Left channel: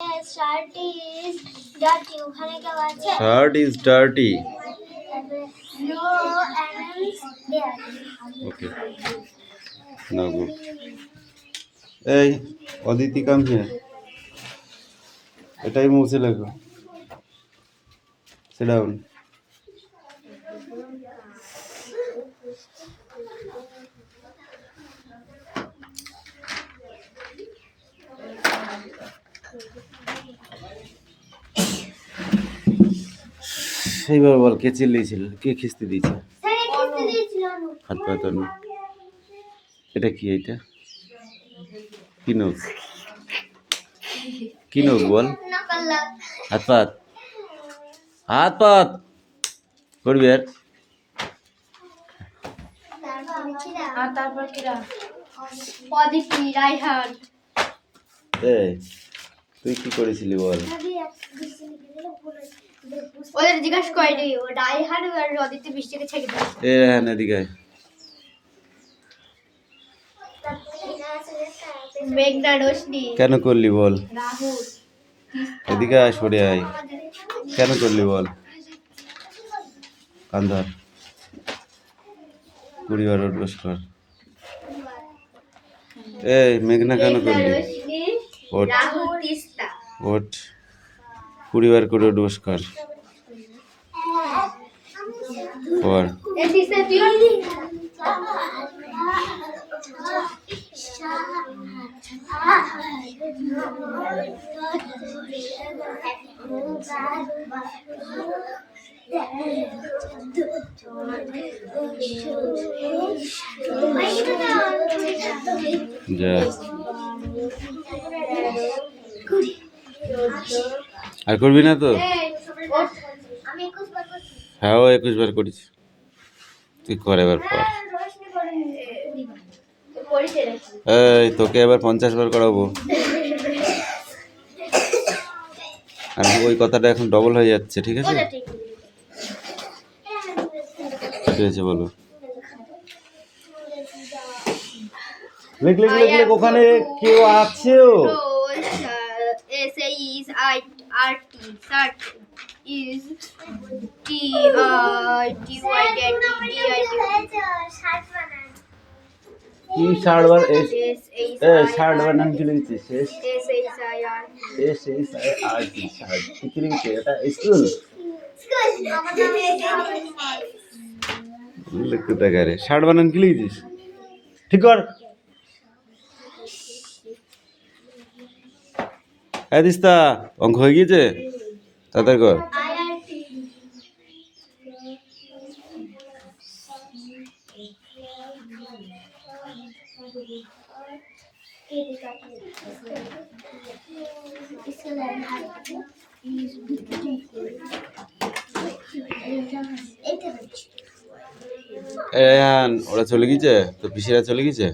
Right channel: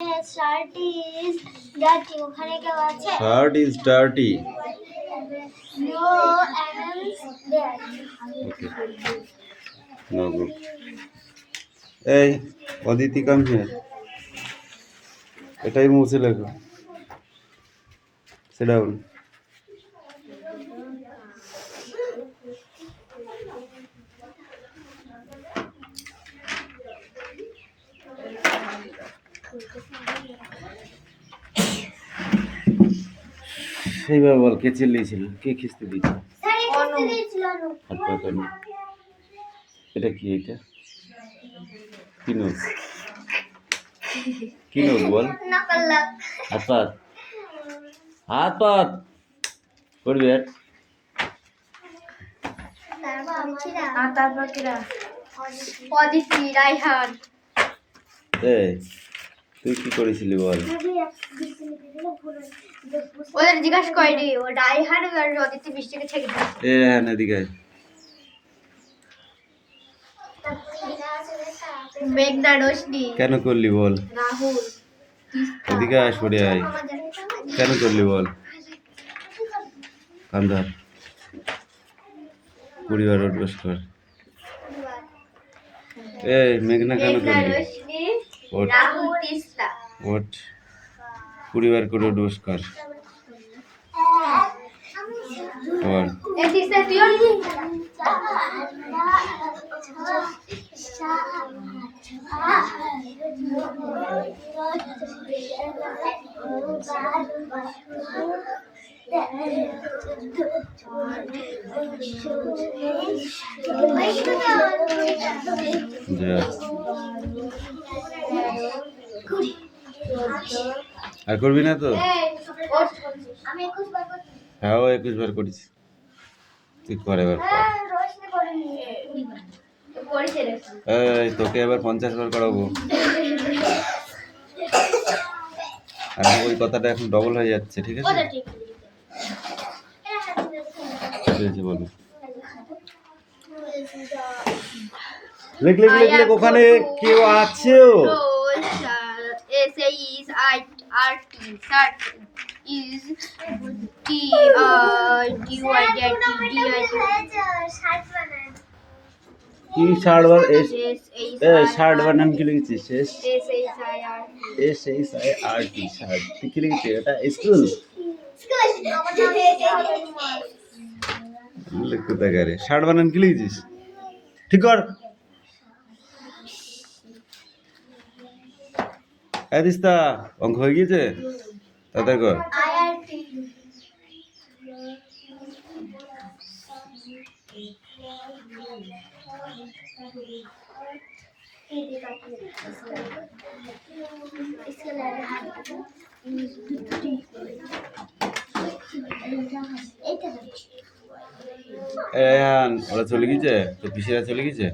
Shirt is dirty. ওখানে কেউ আছে? Shirt is dirty. No animals there. Okay. No good. Hey, Aditi, come here. এটাই মুছে লেখো। Sit down. সেইবার বল কে চিল্লিয়েছিল, কে খিস্তি দিয়েছে? হাত পা তোর এটা কি, এটা কি নোজ, কি নোজ বল? হাত পাত, হাত পাত করবি আর তারপর কিরা অদিতি, রাইহান। এই তুই কি করেছিলি বল? ওদের জিজ্ঞাসা করিনি, ও রাইহান আর অদিতি বৃষ্টিকে ছেড়ে দিয়েছে। এ রাইহান এদিকে আয়। মেঘনা, রোশনি। কেন করলি বল? রাহুল, এদিকে আয়, সরে আয়। কেন করলি বল? কান্দার 20 বার উঠবস কর। এই মেঘনা কেন করলি? রোশনি, ওঠ রাহুল, তিস্তা। ওঠ 20 বার করে উঠবস কর। কর। এই তিস্তা তুই যা আর করবি না তো? হ্যাঁ ও 21 বার করেছি, তুই কর এবার কর। এই তোকে এবার 50 বার করাবো। আর ওই কথাটা এখন ডবল হয়ে যাচ্ছে, ঠিক আছে? ঠিক আছে বলো। লিখ লিখ লিখ লিখ, ওখানে কেউ আছে? কি শার্ট বানান কি লিখেছিস? SHIRT শার্ট কি লিখেছিস? এটা স্কুল লিখতে দেখারে শার্ট বানান কি লিখেছিস? ঠিক কর। হ্যাঁ দিস্তা, অঙ্ক হয়ে গিয়েছে তাদের কর। ওরা চলে গেছে, তো পিসিরা চলে গেছে।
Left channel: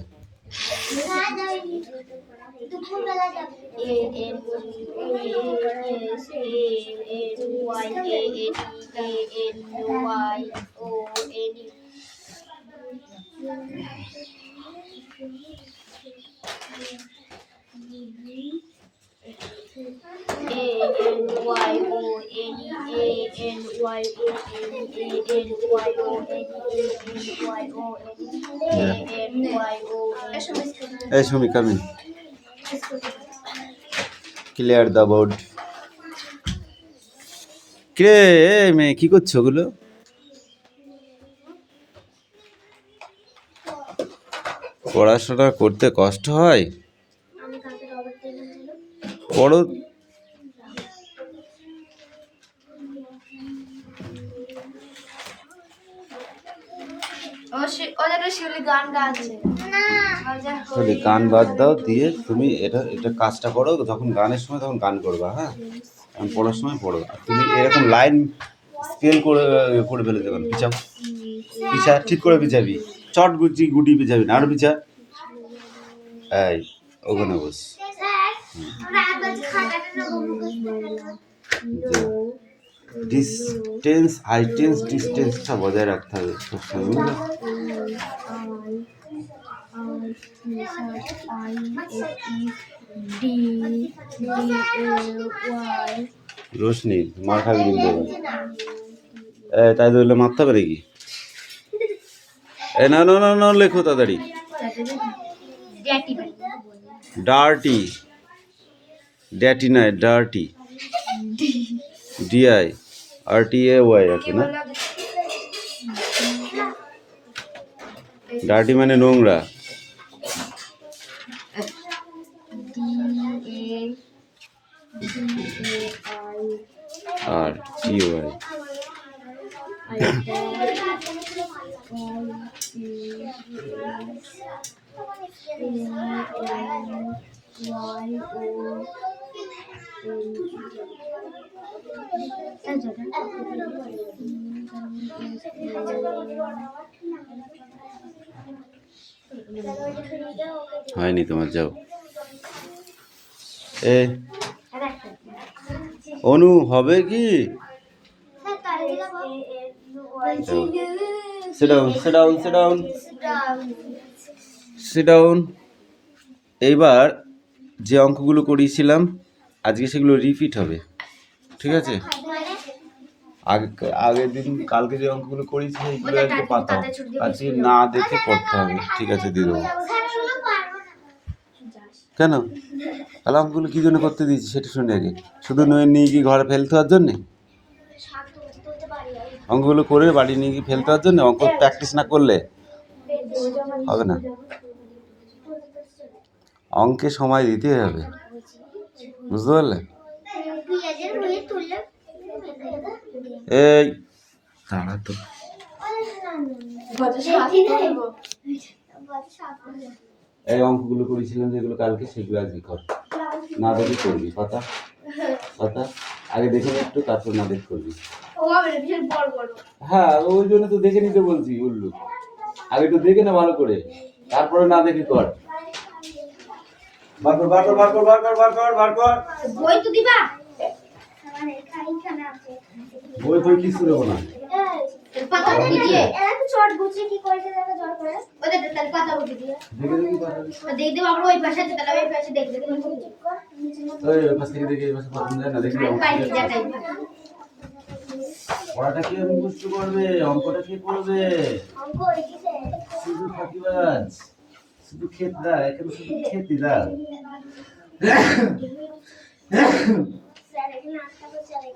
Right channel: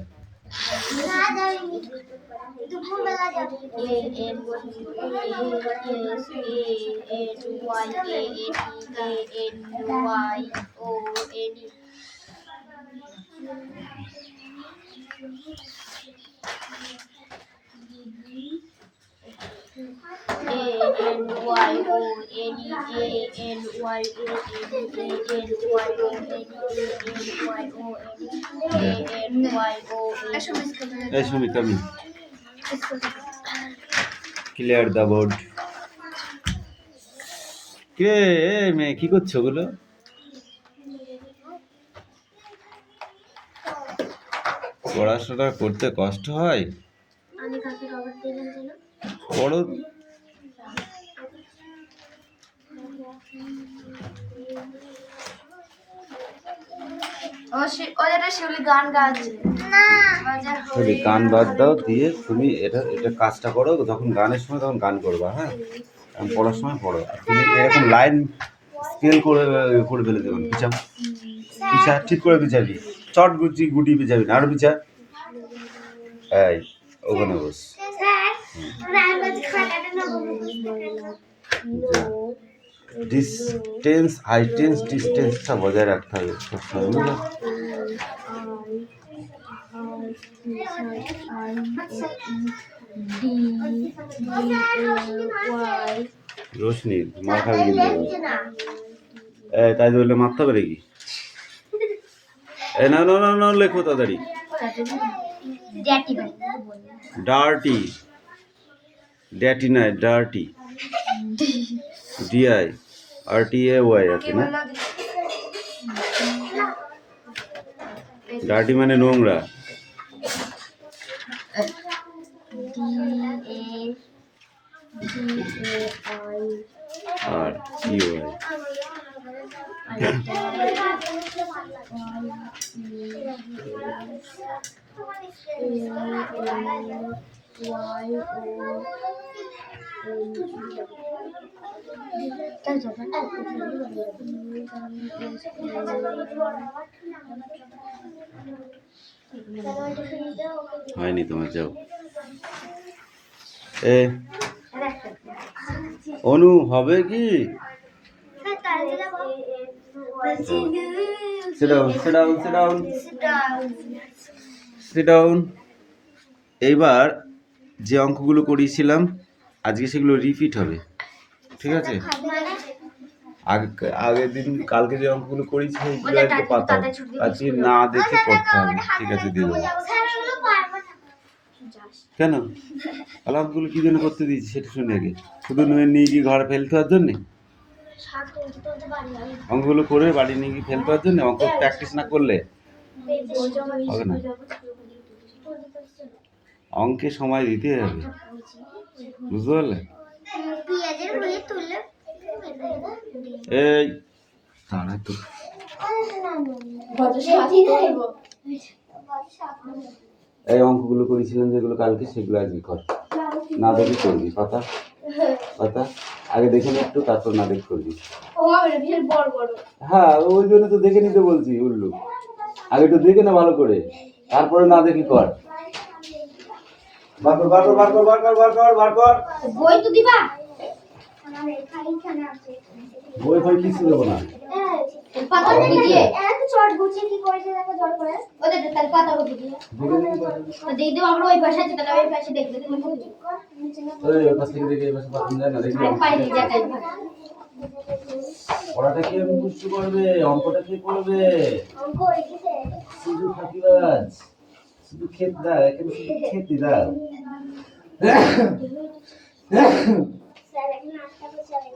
Hey Shumi, come in. Clear the board. কে মেয়ে কি করছো ওগুলো? পড়াশোনা করতে কষ্ট হয়? পড়ো। গান বাদ দাও, দিয়ে তুমি এটা কাজটা করো, যখন গানের সময় তখন গান করবা। হ্যাঁ, পড়ার সময় পড়ো। আর তুমি এরকম লাইন স্কেল করে ফেলে দেবেন। পিছা ঠিক করে পিছাবি, চট গুটি পিছাবি না, আরো পিছা। এই ওখানে বস। ডিস্টেন্স, হাইটেন্স, ডিস্টেন্সটা বজায় রাখতে হবে সবসময়, বুঝলো? ডি ওয়াই রোশনি মার খাবি কিন্তু তাই ধরলে মারতে হবে নাকি? না না না না লেখো তাড়াতাড়ি। ডার্টি, ড্যাটি নয় ডার্টি, ডিআই RTAY আছে না? ডার্টি মানে নোংরা। RTY হয়নি তোমার, যাও। অনু হবে কি? Sit down, sit down, sit down, sit down. এইবার যে অঙ্কগুলো করিয়েছিলাম আজকে সেগুলো রিপিট হবে, ঠিক আছে? আগের দিন কালকে যে অঙ্কগুলো করিয়েছি সেইগুলো আজকে পাতাও, আজকে না দেখে করতে হবে, ঠিক আছে? দিয়ে দেবো। কেন? তাহলে অঙ্কগুলো কী জন্য করতে দিয়েছি সেটা শুনে আগে। শুধু নিয়ে গিয়ে ঘরে ফেলতে হওয়ার জন্যে? অঙ্কগুলো করে বাড়ি নিয়ে গিয়ে ফেলতে হওয়ার জন্য? অঙ্ক প্র্যাকটিস না করলে হবে না। অঙ্কে সময় দিতে হবে, বুঝতে পারলে? এই তারা তো এই অঙ্কগুলো করেছিলাম যেগুলো কালকে, সেগুলো আজকে কর। না দেখে করবি, কথা কথা আগে দেখে নে একটু, তারপর না দেখে করবি। হ্যাঁ, ওই জন্য তো দেখে নিতে বলছি উল্লু। আগে একটু দেখে না ভালো করে, তারপরে না দেখে কর। বার কর বার কর বার কর বার কর বার কর বার কর। বই তো দিবা? বই ফই কিছু দেবো না। পাতা দিয়ে এত চট গুছে কি করেছে দেখো জল করে। ওদের তার পাতা গুছে দিয়ে দেখে দেখি পাতা দিয়ে দেব। আমরা ওই পাশে আছে, তাহলে ওই পাশে দেখতে দেখি ওই পাশ থেকে দেখে এই পাশে পাতা যায় না, দেখি কাইনি দেখাই। পড়াটা কি মুখস্থ করবে, অঙ্কটা কি করবে? অঙ্ক এসেছে শুধু ফাঁকিবাজ, শুধু খেত দাও, এখন শুধু খেতে দাও। স্যার এখানে নাস্তা করতে চলে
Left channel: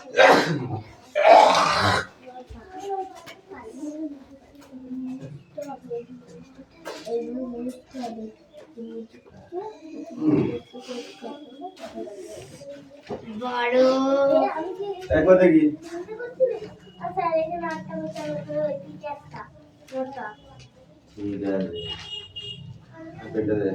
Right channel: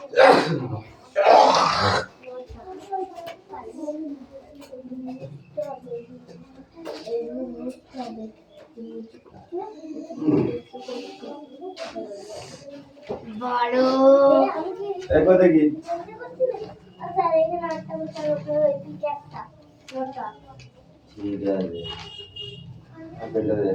বড় একবার দেখি। স্যার এখানে নাস্তা করতে ওই পিঠে একটা মোটা। ঠিক আছে, আপেলটা দে।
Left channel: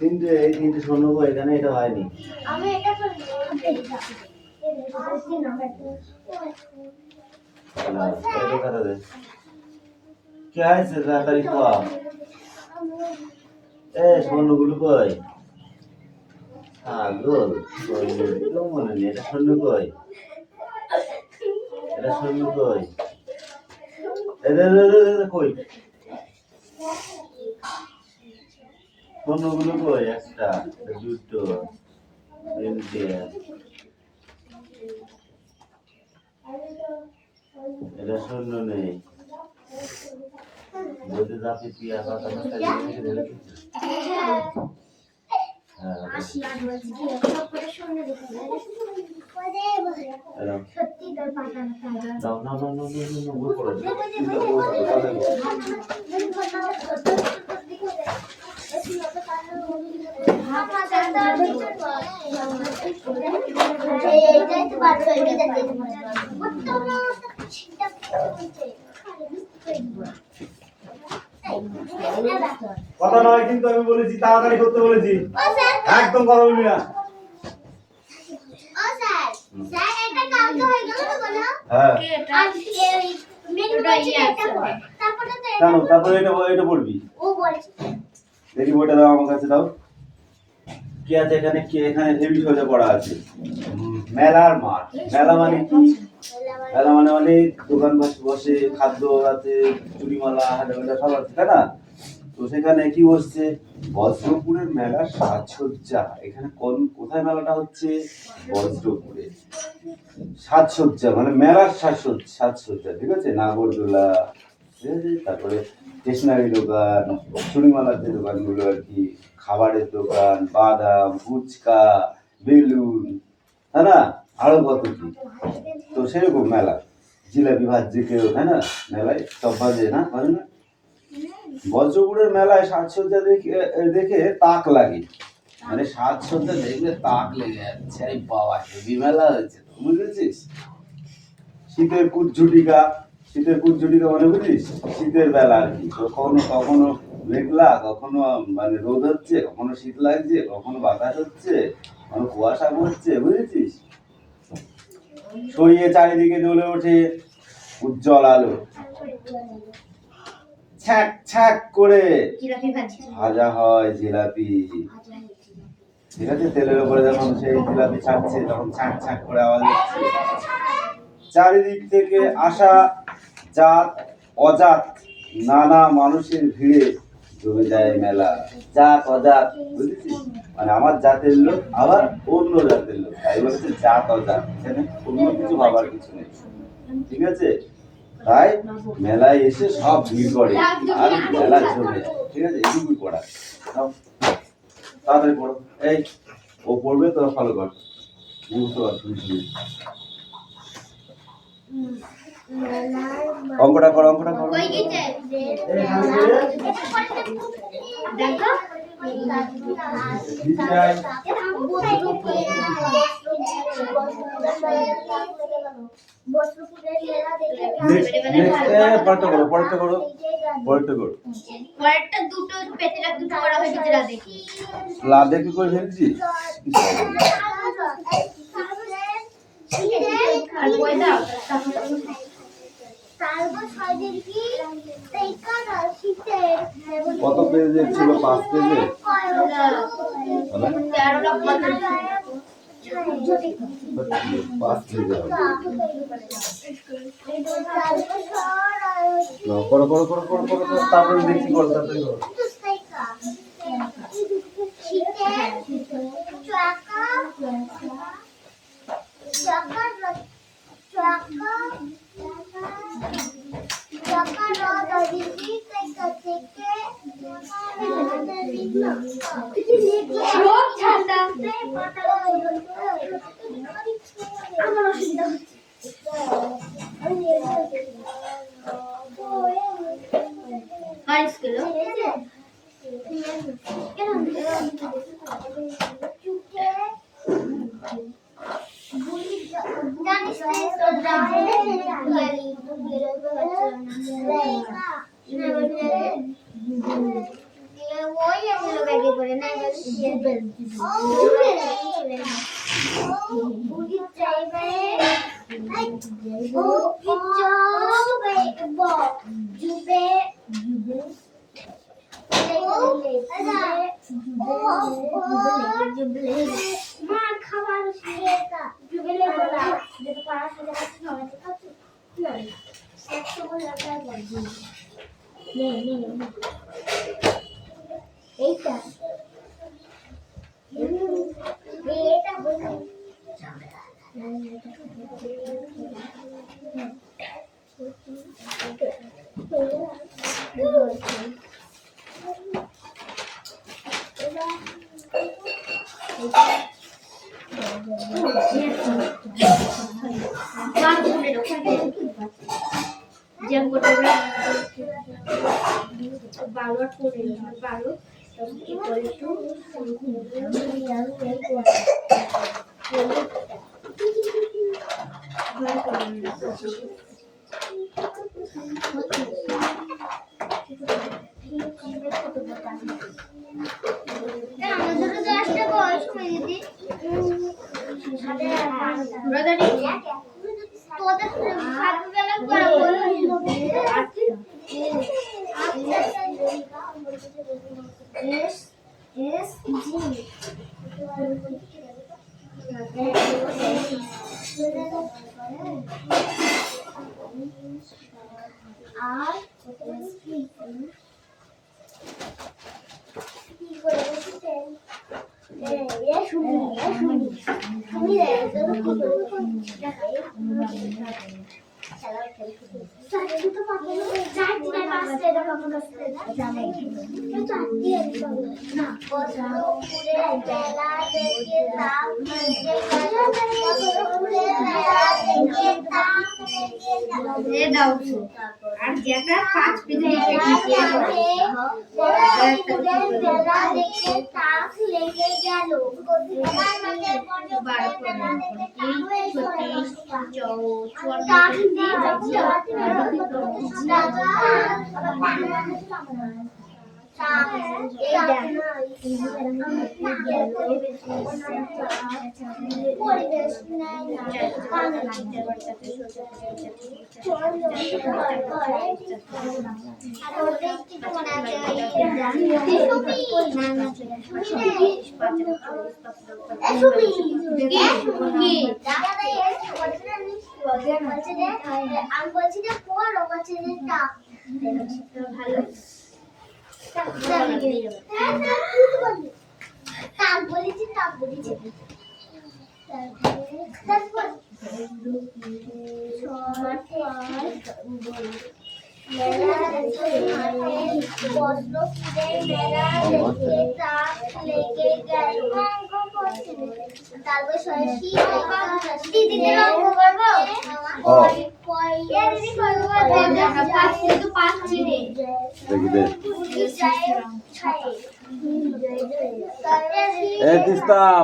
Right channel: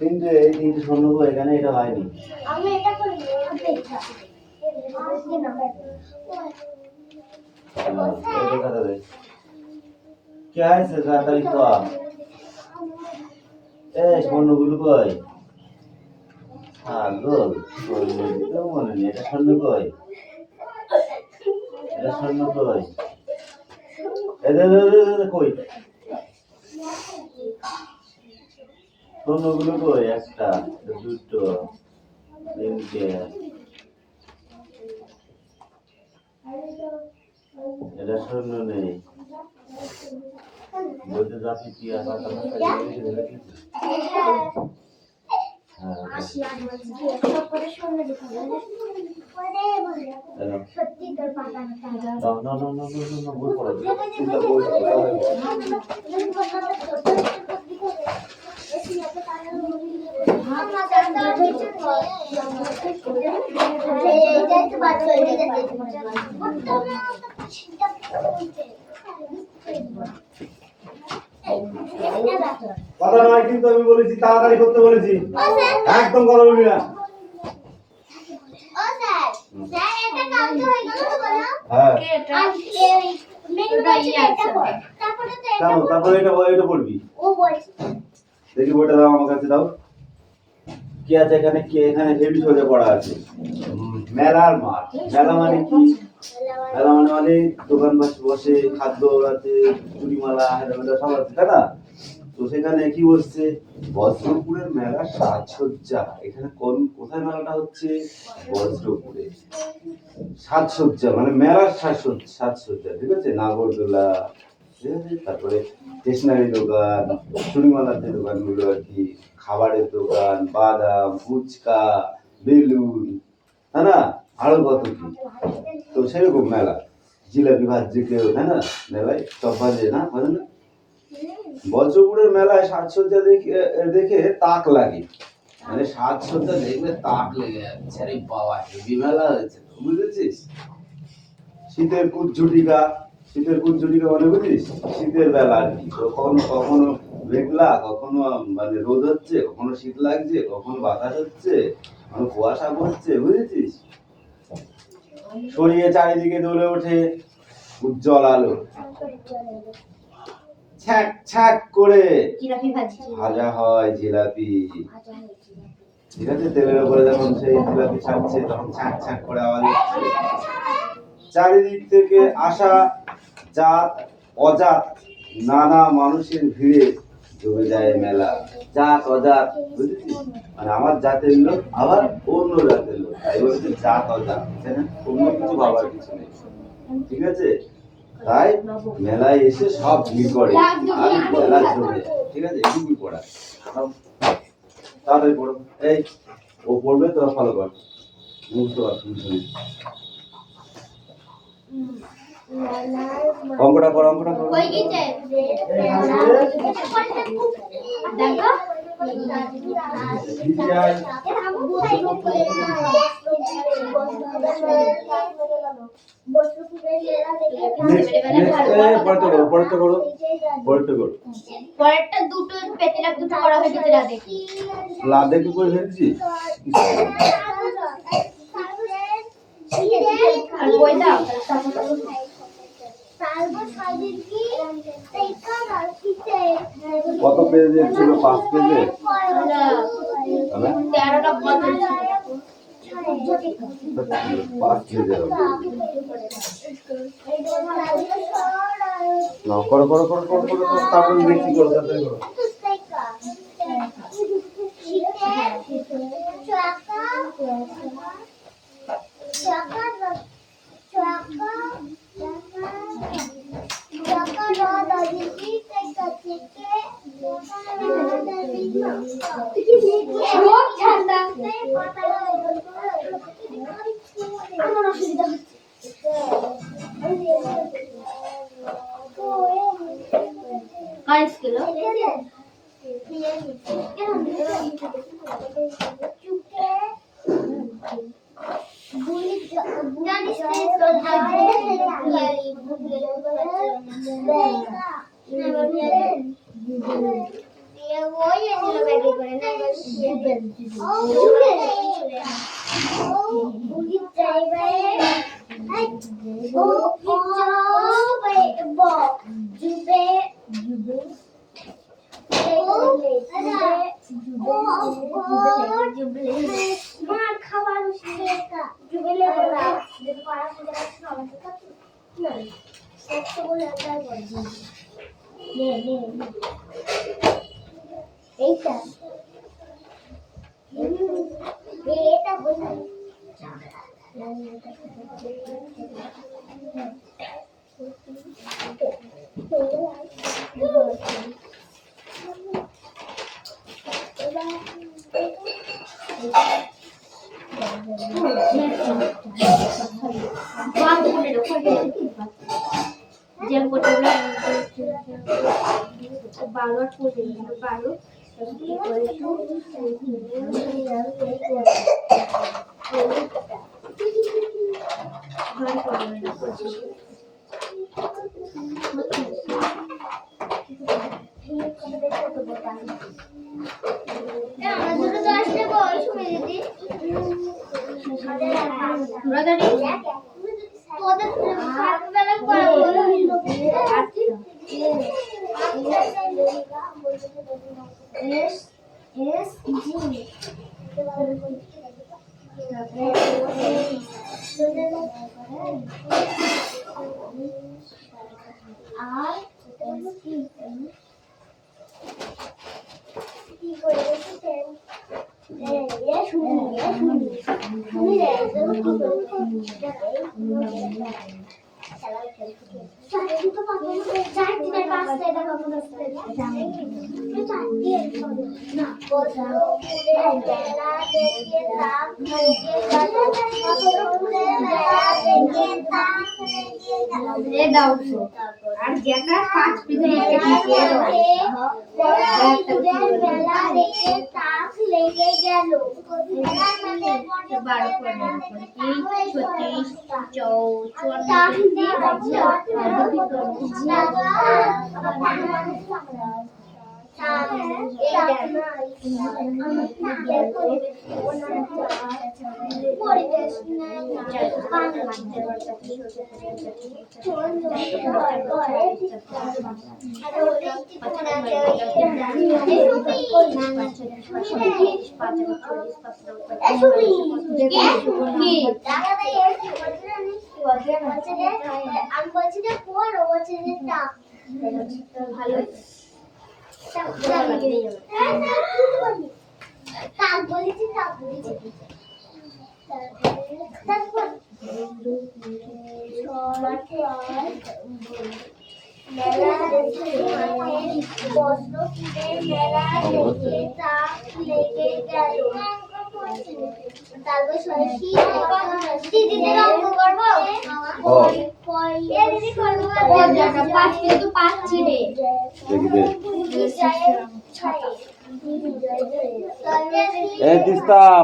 তিনটে, এই তিনটে স্বর্ণ বই এখানে, এটা হয়নি। আমি এটা করি, এটা কি হয়েছে তাড়াতাড়ি কর। এই স্বর্ণগুলো কই? গোল তো মনে নেই। এটা স্বর্ণ কই? এটা স্বর্ণ কই? কই স্বর্ণগুলো কই? একটা, দুটো, তিনটে। এটা স্বর্ণ নেই। বলতে যাচ্ছি কি আবার সত্যি তোর পাতা না না না না বই পড়া কথা নয় কিন্তু, আমি বলেছি তাড়াতাড়ি করতে বলেছি, একদম কথা বলবি না। ও স্যার, স্যার এটা কালকে হয়ে গেল তো বলো হ্যাঁ আর এই মেনু বলছে এটা পড় তারপরে তো কেন তারপরে এটা পড়বি ও বলছে দেখি বইটা দাও আমার কাছে দাও কি আছে এখানে কি এখানে হেভি সোজা পড়া আছে মেলার মাঠ মেলা মানে কি মেলা মানে অনেক দোকান বসে খাদ্য আছে চুরিমালা হাজারমালা সব আছে তাই না তো সেখানে কি বসছে বজ্রপুরের মেলার সাজসজ্জা এখানে কোথায় মেলাটা হচ্ছে বজ্রপুরে সাজসজ্জা মানে মেলার সাজসজ্জা ঠিক আছে নাগরদোলা ঠিক আছে তারপরে স্টেশনারি দোকান চুরিমালার যে দোকানগুলো আর কি খাবারের দোকান বাদাম ফুচকা বেলুন তাই না আরো কত কি তো সেরকম মেলা জিলাপি ভাজছে কেউ তাই না মেলায় সব ভাজে না ভাজে না বজ্রপুরের মেলায় সাজসজ্জা দেখে তাক লাগে মানে সাজসজ্জা দেখলে তাক লেগে যাচ্ছে আরে বাবা হেভি মেলা হয়েছে তো বুঝেছিস শীতের কুজ্ঝটিকা মানে বুঝিস শীতের বেলা আর কি কখনো কখনো মেঘলা কখনো মানে রোদ হচ্ছে কখনো শীত লাগছে কখনো বাতাস হচ্ছে কখনো কুয়াশা পড়ছে বুঝেছিস ছড়িয়ে চারিদিকে জ্বলে ওঠে উজ্জ্বল আলো ছ্যাক ছ্যাক করে জিলাপি ভাজি ভাজা হয় জিলাপি ঠিক আছে তেলের উপরে যখন সেই জিলাপি ছাড়ছে তখন ছ্যাক ছ্যাক করে আওয়াজ হচ্ছে চারিদিক থেকে আসা জাত অজাত নানা মানুষের ভিড়ে জমে যায় মেলা জাত অজাত বুঝেছিস মানে আমার জাতের লোক আবার অন্য জাতের লোক তাই বলছে জাত অজাত এখানে অন্য কিছু ভাবার কিছু নেই ঠিক আছে তাই মেলায় এসে সব ভিড় করে আর মেলা জমে যায় ঠিক আছে এটুকুই পড়া তাড়াতাড়ি পড়ো এই ও পড়বে তোর ফলো কর বুঝতে পারছি অঙ্কটা করো কই গেছে দেখো পরেরটা পরেরটা দুটো পেতেলা দুটো করা হয়ে গেছে দেখি লাদে কি করে ফেলছি আর বই দাও কত পেজে ছিল 5 পেজে 13টা বল 5 পেজে করো তারপরে দেখি করো তাড়াতাড়ি করো আমার অসুবিধা হচ্ছে কার স্কেল এইটা এটা বলি যেন করতে বারো করে বারো আমরা তোদের সকালবেলা করে বলো এস এস জি আর কি করে বসেছেন এ শুনি তুমি রে তুমি কি করে খেলা খেলতে চাই তো পাবো চাই দিনের পাঁচটা এটা পাবো না জানাই চাই না বসলো পুরে বেলা দেখে তাক থেকে গেল বসলো পুরে বেলা দেখে তাক থেকে গেল এ দাও আর যেটা পাঁচ পিঠে পুরে বেলা দেখে তাক লেগে গেল তার মানে 12 আমি বলছি যে পড়ো বলছি যে টাক ভালো টাক বলেছি টাক বলেছি তারপর মেলা দেখে বসলো পুরে মেলা দেখে তাক লেগে গেল তারপর সরস্বতী দিদিদের অঙ্ক করবো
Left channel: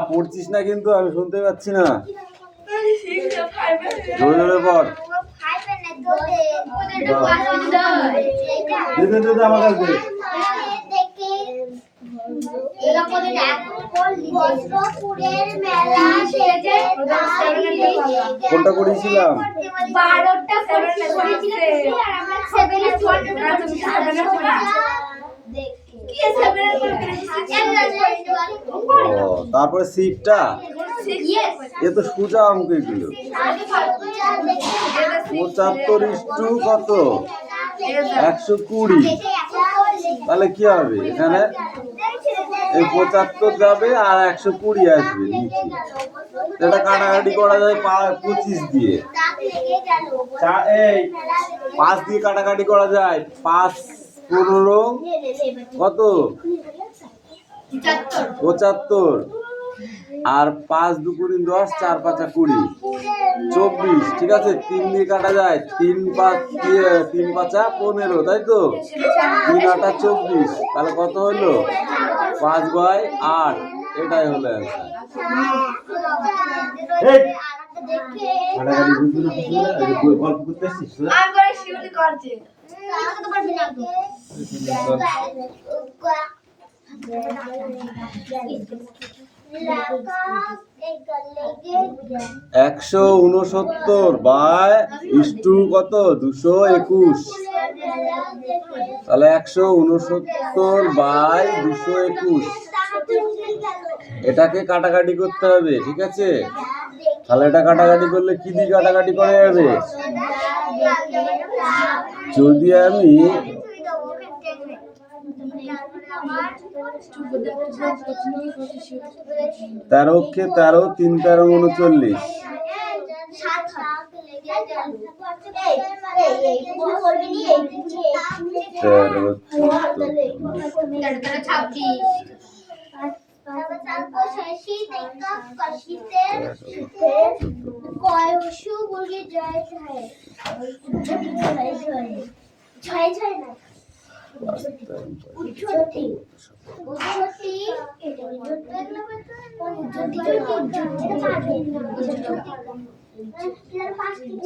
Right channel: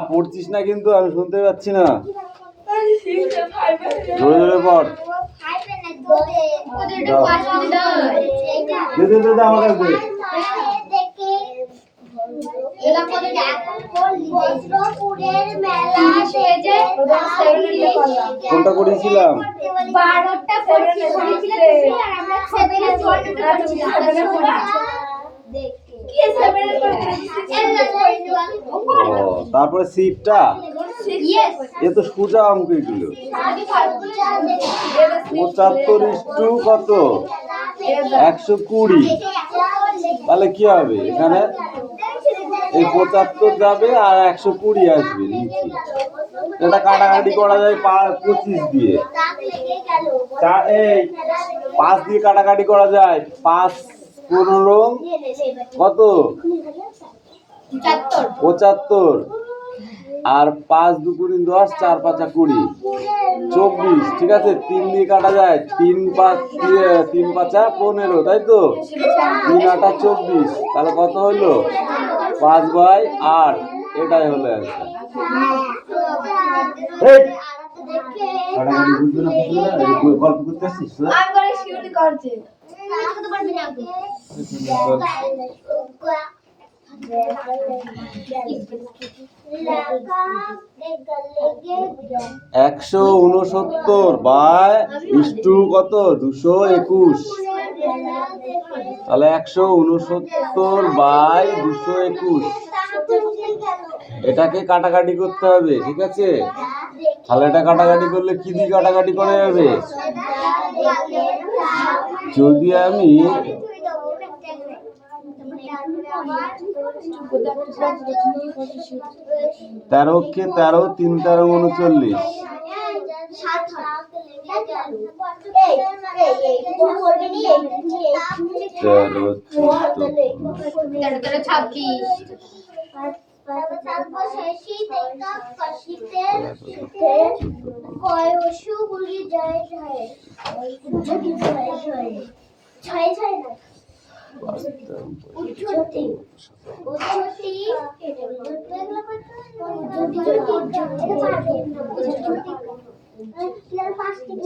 পড়ছিস না কিন্তু আমি শুনতে পাচ্ছি না জোরে জোরে পড় আমার কাছে কোনটা করেছিলাম তারপরে সিটটা এ তো সোজা অঙ্ক এগুলো 75 কত 120 তাহলে কি হবে এখানে এই 75 যাবে আর 120 আসবে নিচে এটা কাটাকাটি করা যায় 25 দিয়ে এই 5 দিয়ে কাটাকাটি করা যায় 5 15 কত 75 আর 5 2 10 4 5 20 24 ঠিক আছে 3 দিয়ে কাটা যায় 3 5 দিয়ে 3 5 15 তাই তো 3 8 24 তাহলে কত হলো 5/8 এটাই হলো অ্যানসার এই কাটাকাটি বুঝছো না গল্প করতে আসছিস না আমি করে শিউলি করছি করতে পারবি না তো 169 বাই ইস্টু কত 221 তাহলে 169 বাই 221 এটাকে কাটাকাটি করতে হবে ঠিক আছে তাহলে এটা কাটাকাটি করলে কি দিয়ে কাটাকাটি করা যাবে যদি আমি 13 কে 13 3 13 39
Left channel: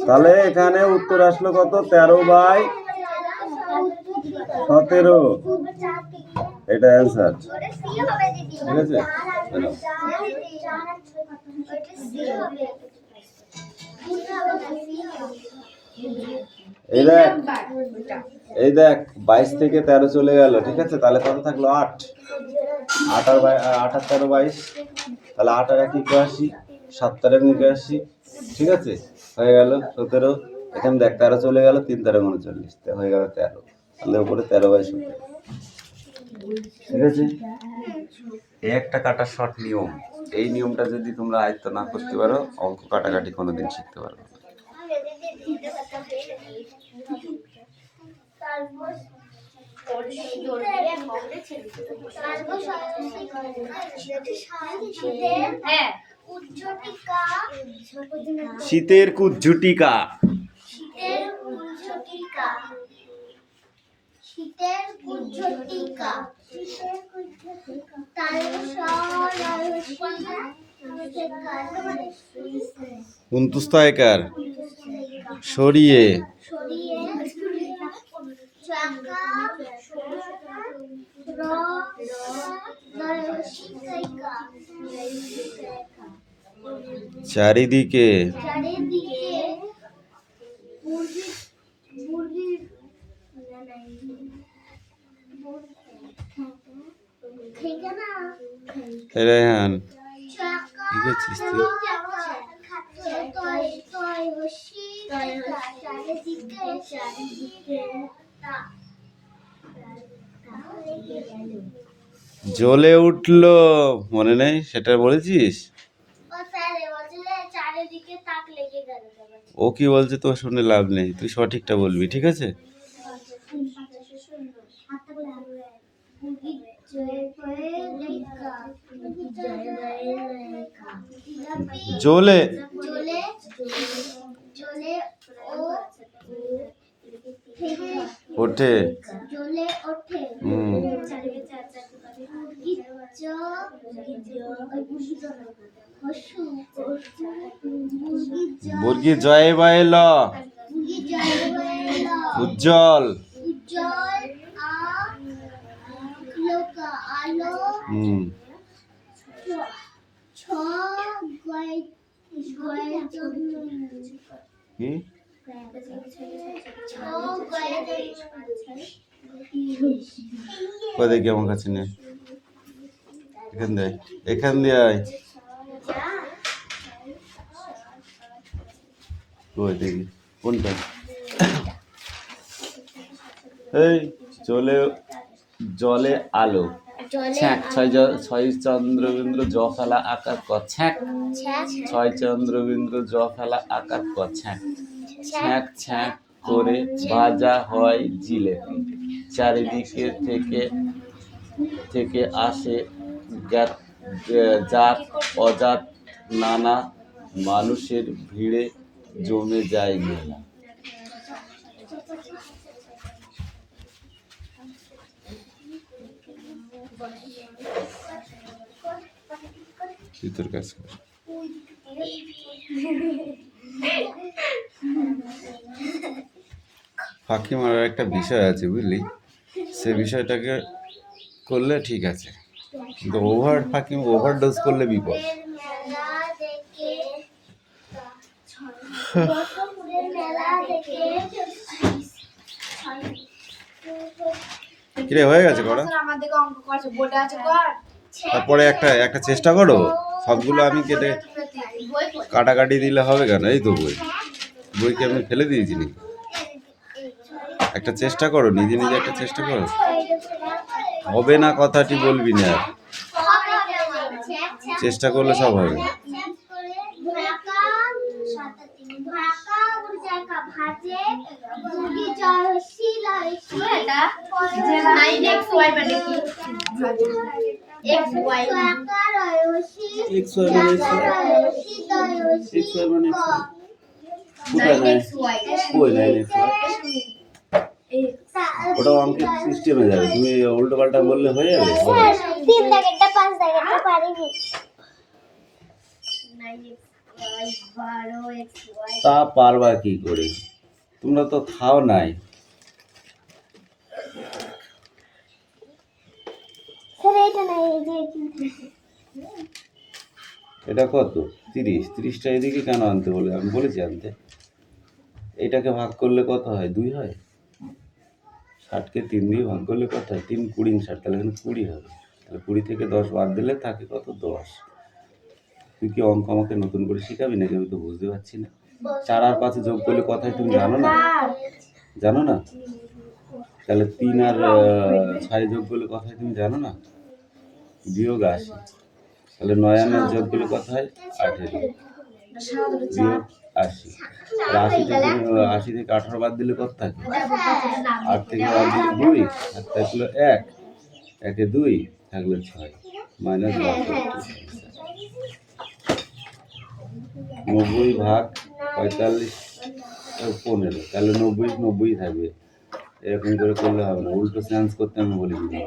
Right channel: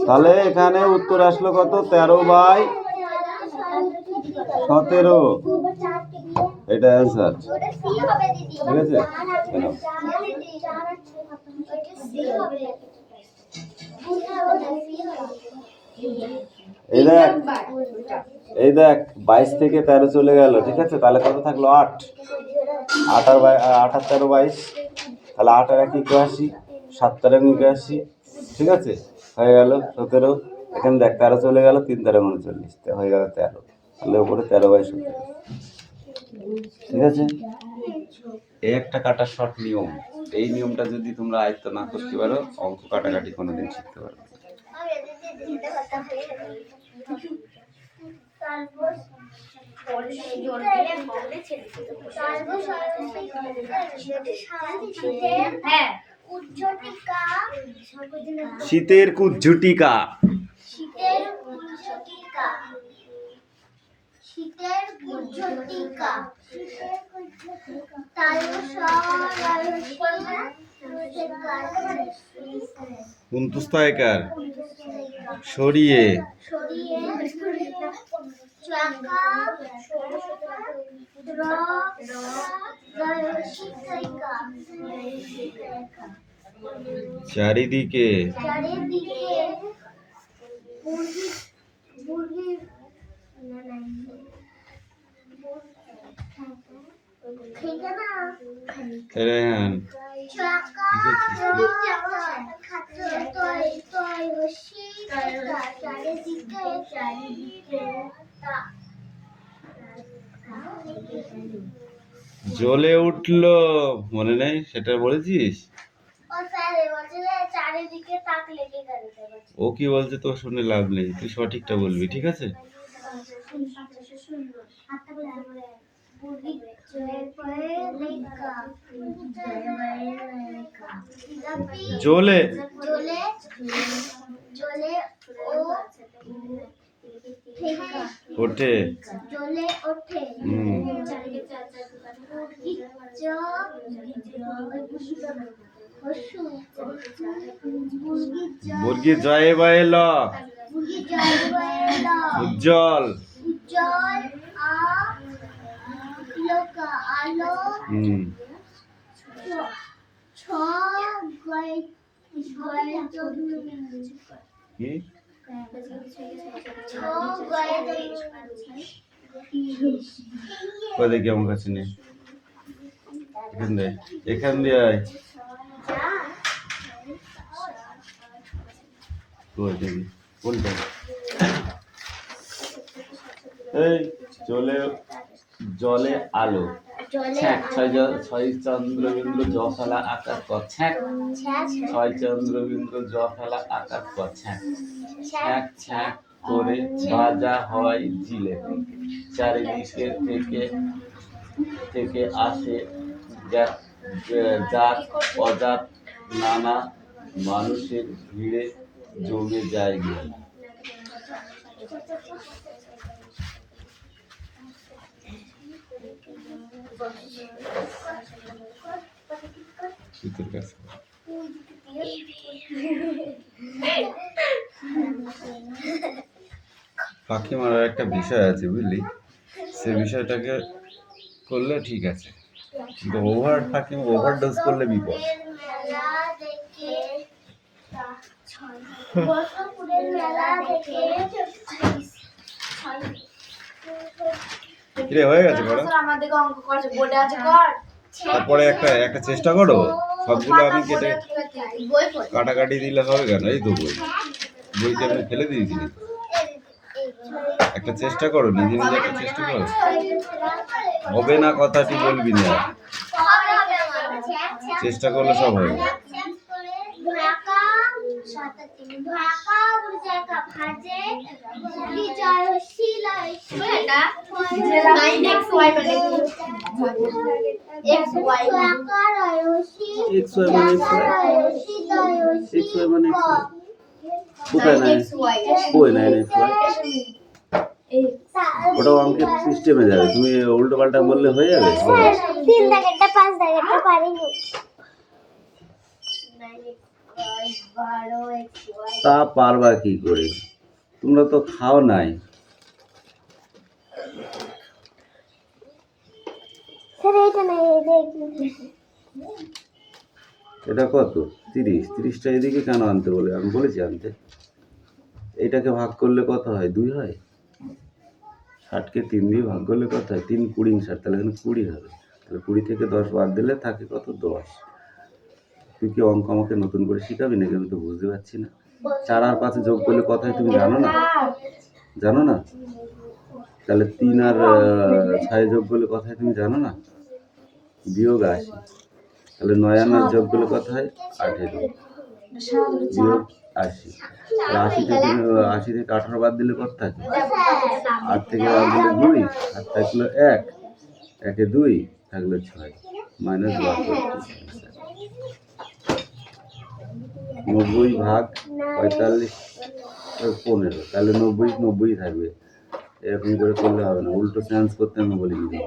তাহলে এখানে উত্তর আসলো কত 13/17 এটা অ্যান্সার ঠিক আছে এই দেখ, এই দেখ 22 থেকে 13 চলে গেল, ঠিক আছে? তাহলে কত থাকলো? 8। 8 আর 13 22, তাহলে 8 আর 1 81, 7 আর 1 81, ঠিক আছে? হয়ে গেল 17। এখানে দেখ 13 চলে গেল, 3 13 39, হয়ে গেল 13। তাহলে উপরে 13/17, ঠিক আছে? এই একটা কাটার শর্ট নিয়ম। এই নিয়মটা যদি তোমরা আয়ত্ত না করতে পারো, অঙ্ক কাটাকাটি কোনোদিন শিখতে পারবে না। শীতের কুজ্ঝুটিকা, শীতের কুজ্ঝটিকা, শীতের কুজ্ঝটিকা, কুন্তুস্তায়কার, সরিয়ে, চারিদিকে, রেহান কি করছিস তুই? জ্বলে উঠলো, মনে নেই? সেটা বলেছিস? ও কি বলছে তো শুনে লাভ নেই, তুই সঠিকটা বলবি, ঠিক আছে? জ্বলে ওঠে, মুরগি জয়ে বাইল, উজ্জ্বল, কি দেখি আমার কাছে নেই, এখান দিয়ে আয়, ওই দেখি কোনটা, এই চলে জলে আলো, ছয় চন্দ্রবিন্দু জ ফেলা আকার ক, ছয় চন্দ্রবিন্দু জ ফেলা আকার ক, ছ্যাঁক ছ্যাঁক করে বাজা হয় জিলে, চারিদিকে থেকে আসে জাত অজাত নানা মানুষের ভিড়ে জমে যায় মেলা। তোর কাছে ফাঁকি মারার একটা বিষয় আছে, বুঝলি? সে বিষয়টাকে করলে ঠিক আছে, কিন্তু ওভারডোজ করলে বিপদ। কিরে হয়ে গেছে করা? তারপরে একটা চেষ্টা করো, সবগুলো আমি কেটে কাটাকাটি দিলে হবে কেন? এই তো বইকে আমি ফেলে দিয়েছি নাকি? একটা চেষ্টা করো, নিজে একটা চেষ্টা করো। হবে না কথাটি বলবি না, চেষ্টা করলে সব হবে। ওটা অঙ্কের সিস্টেমে যাবে, তুমি উল্টো পাল্টা বললে হয়ে যাবে। 3 দাগেরটা 5 দাগেরটা পারিনি। তা পারবা কি করে? তোমরা তো খাও নাই। এটা কত? 30। 30টা এদিকে কেন আনতে বলে? আমি বলেছি আনতে। এটাকে ভাগ করলে কত হয়? 2 হয়। 60কে 3 দিয়ে ভাগ করলে কত হয়? 3 20 60, তাহলে এখানে 20 হবে। তাহলে 20 থেকে 10 বাদ দিলে থাকে কত? 10। তুই কি অঙ্ক আমাকে নতুন করে শিখাবি নাকি? আমি তো বুঝতে পারছি না। 4 আর 5 যোগ করলে কত হয় তুমি জানো না? জানো না? তাহলে 3 আর 6 যোগ করলে কত হয় তুমি জানো না? বিয়োগ 80। তাহলে 9 আর 9 যোগ করলে কত হয়? 18 বিয়োগ 80। আর 80 থেকে 18 বাদ দিলে কত থাকে? 8 থেকে বাদ দিলে 2, 7 থাকলো 1, 1-এ 2 থাকলো 6 মাইনাস 90 ভাগ 45 15, তাহলে 90 থাকবে। এরকম করে করলে হবে না, উল্টো চেঞ্জ করতে আমি বলি দিদি,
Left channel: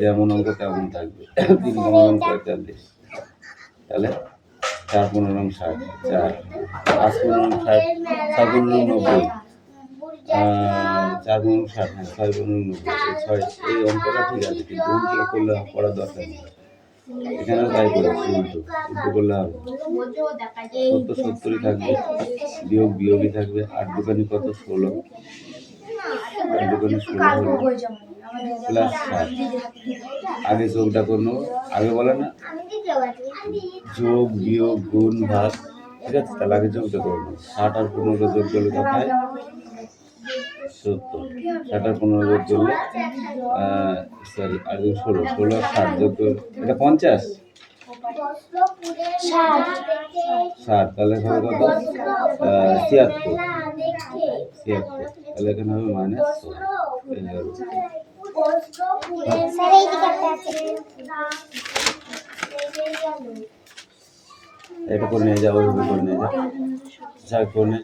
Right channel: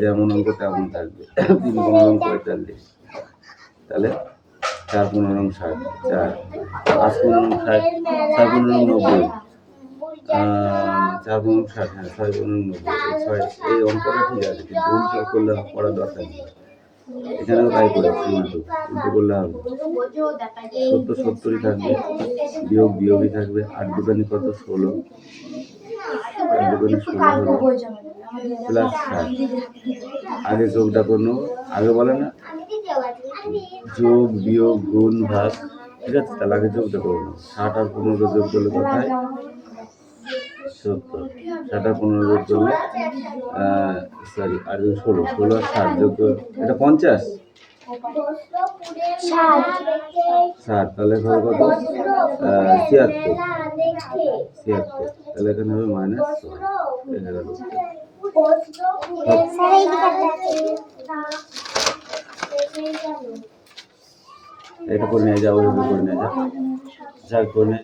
যেমন অঙ্ক তেমন থাকবে। 3 15 45, তাহলে 4 15 60, 4 5 15 60, 6 15 90, 4 15 60, হ্যাঁ 6 15 90, 6 এই অঙ্কটা ঠিক আছে, কিন্তু উল্টো করলে করার দরকার নেই। এখানেও তাই করেছি, উল্টো করলে হবে। 70 থাকবে, বিয়োগই থাকবে। 8 দুগুণে কত? 16, 8 দুগুণে 16 হলো প্লাস 60। আগে যোগটা করে নেবো, আগে বলে না যোগ বিয়োগ গুণ ভাগ, ঠিক আছে? তাহলে আগে যোগটা করে নেবো। 60 আর 15 যোগ করলে কত হয়? 70। 60 আর 15 যোগ করলে সরি আর 16, 16 আর 60 যোগ করলে এটা 50, 60, তাহলে হবে কত? 76, 76, তাহলে এখানে হবে মাইনাস 6। এটা করে নিয়ে যাও, ওইভাবে করে নিয়ে যাও, যা করে নে।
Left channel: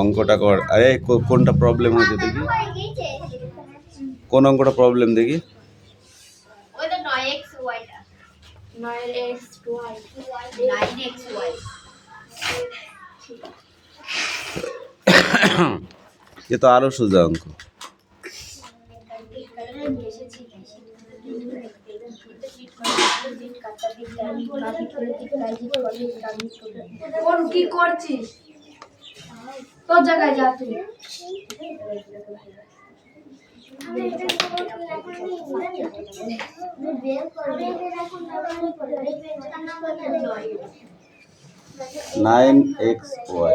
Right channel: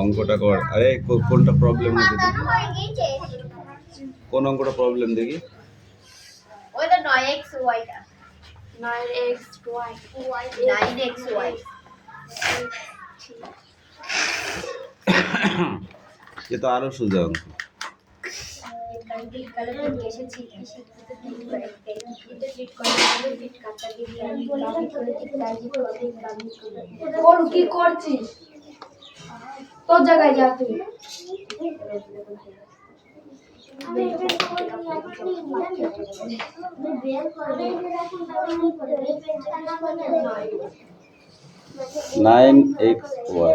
অঙ্কটা কর। আরে কোনটা প্রবলেম হয়েছে দেখি, কোন অঙ্কটা প্রবলেম দেখি? ওইটা 9xy টা 9xy 9xy এ তো আরো সোজা অঙ্ক। কি করছিস? তোর জায়গায় যা তুই। Nine x y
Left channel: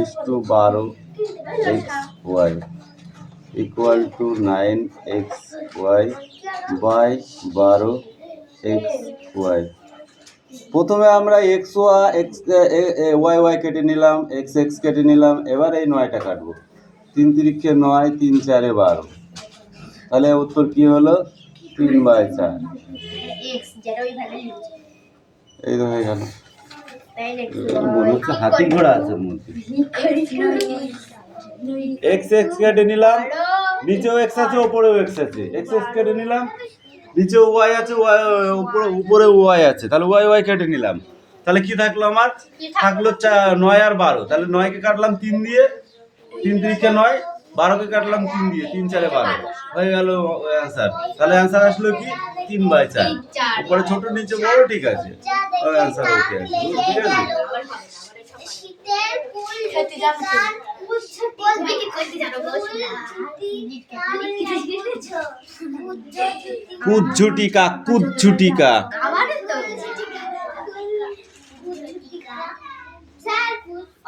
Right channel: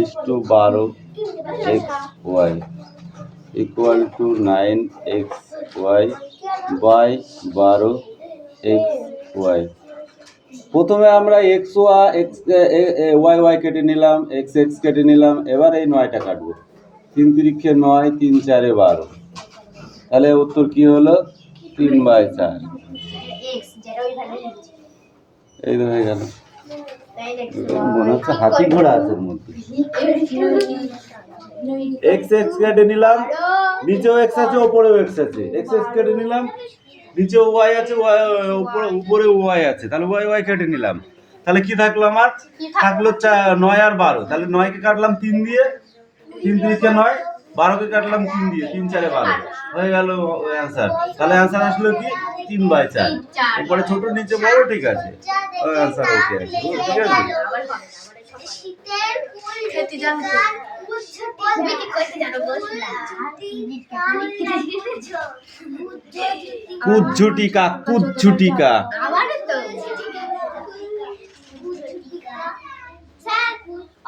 is to 12xy equal to 9xy by 12xy। প্রথমে আমরা এক্স ওয়াই ওয়াই কেটে নিলাম, এক্স এক্স কেটে নিলাম, এবার এই 9টা কাটবো। 3 তিরিক্ষে 9, 3 4-এ 12, তাহলে উত্তর কি হলো? 3/4। এই তো হয়ে গেল। মনে হচ্ছে হাতি ঘোড়া আছে ওর মধ্যে। এক্স এক্স কেটে নিলাম, নিচেও এক্স আছে উপরেও এক্স আছে, এক্স এক্স কেটে নিলাম, নিচেও ওয়াই আছে, উপরে ওয়াই আছে, তাহলে ওয়াই ওয়াই কেটে নিলাম। তাহলে কি থাকলো আমার? থাকলো 9 আর 12, তাহলে 9কে কাটলাম 3 দিয়ে, 3 তিরিক্ষে 9, 12কে কাটলাম 3 দিয়ে, 3 4-এ 12, হয়ে গেল অ্যান্সার। তাহলে অ্যান্সার আসলো কি? 3/4। উপরে ছোট নিচে বড়, ঠিক আছে, অ্যান্সার ওকে আছে, ঠিক আছে। শীতের ফুল খেতে জানো তুমি কি কইতে জানো বসলা কুজ্ঝুটিকা, কুজ্ঝুটিকা। আমার তো স্যার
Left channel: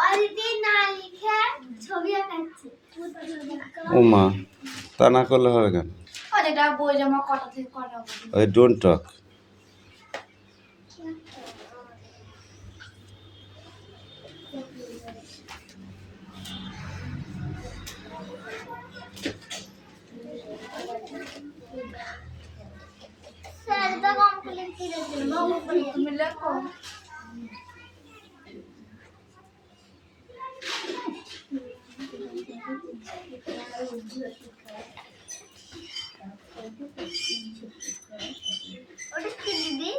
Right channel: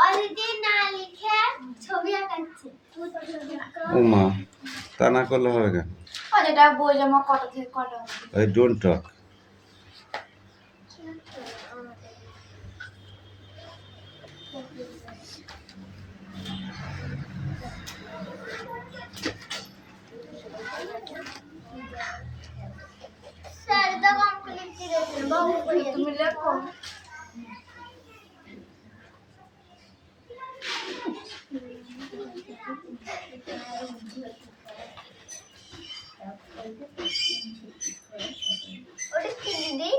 অলরেডি না লিখে ছবি আঁকাচ্ছে। ও মা, তা না করলে হবে কেন? যেটা বই জমা কটা থেকে কটা? ওই ডোন্ট টক। স্যার এটা কমপ্লিট করে দিন বাবু তুমি লেখো। ওটা কি দিদি?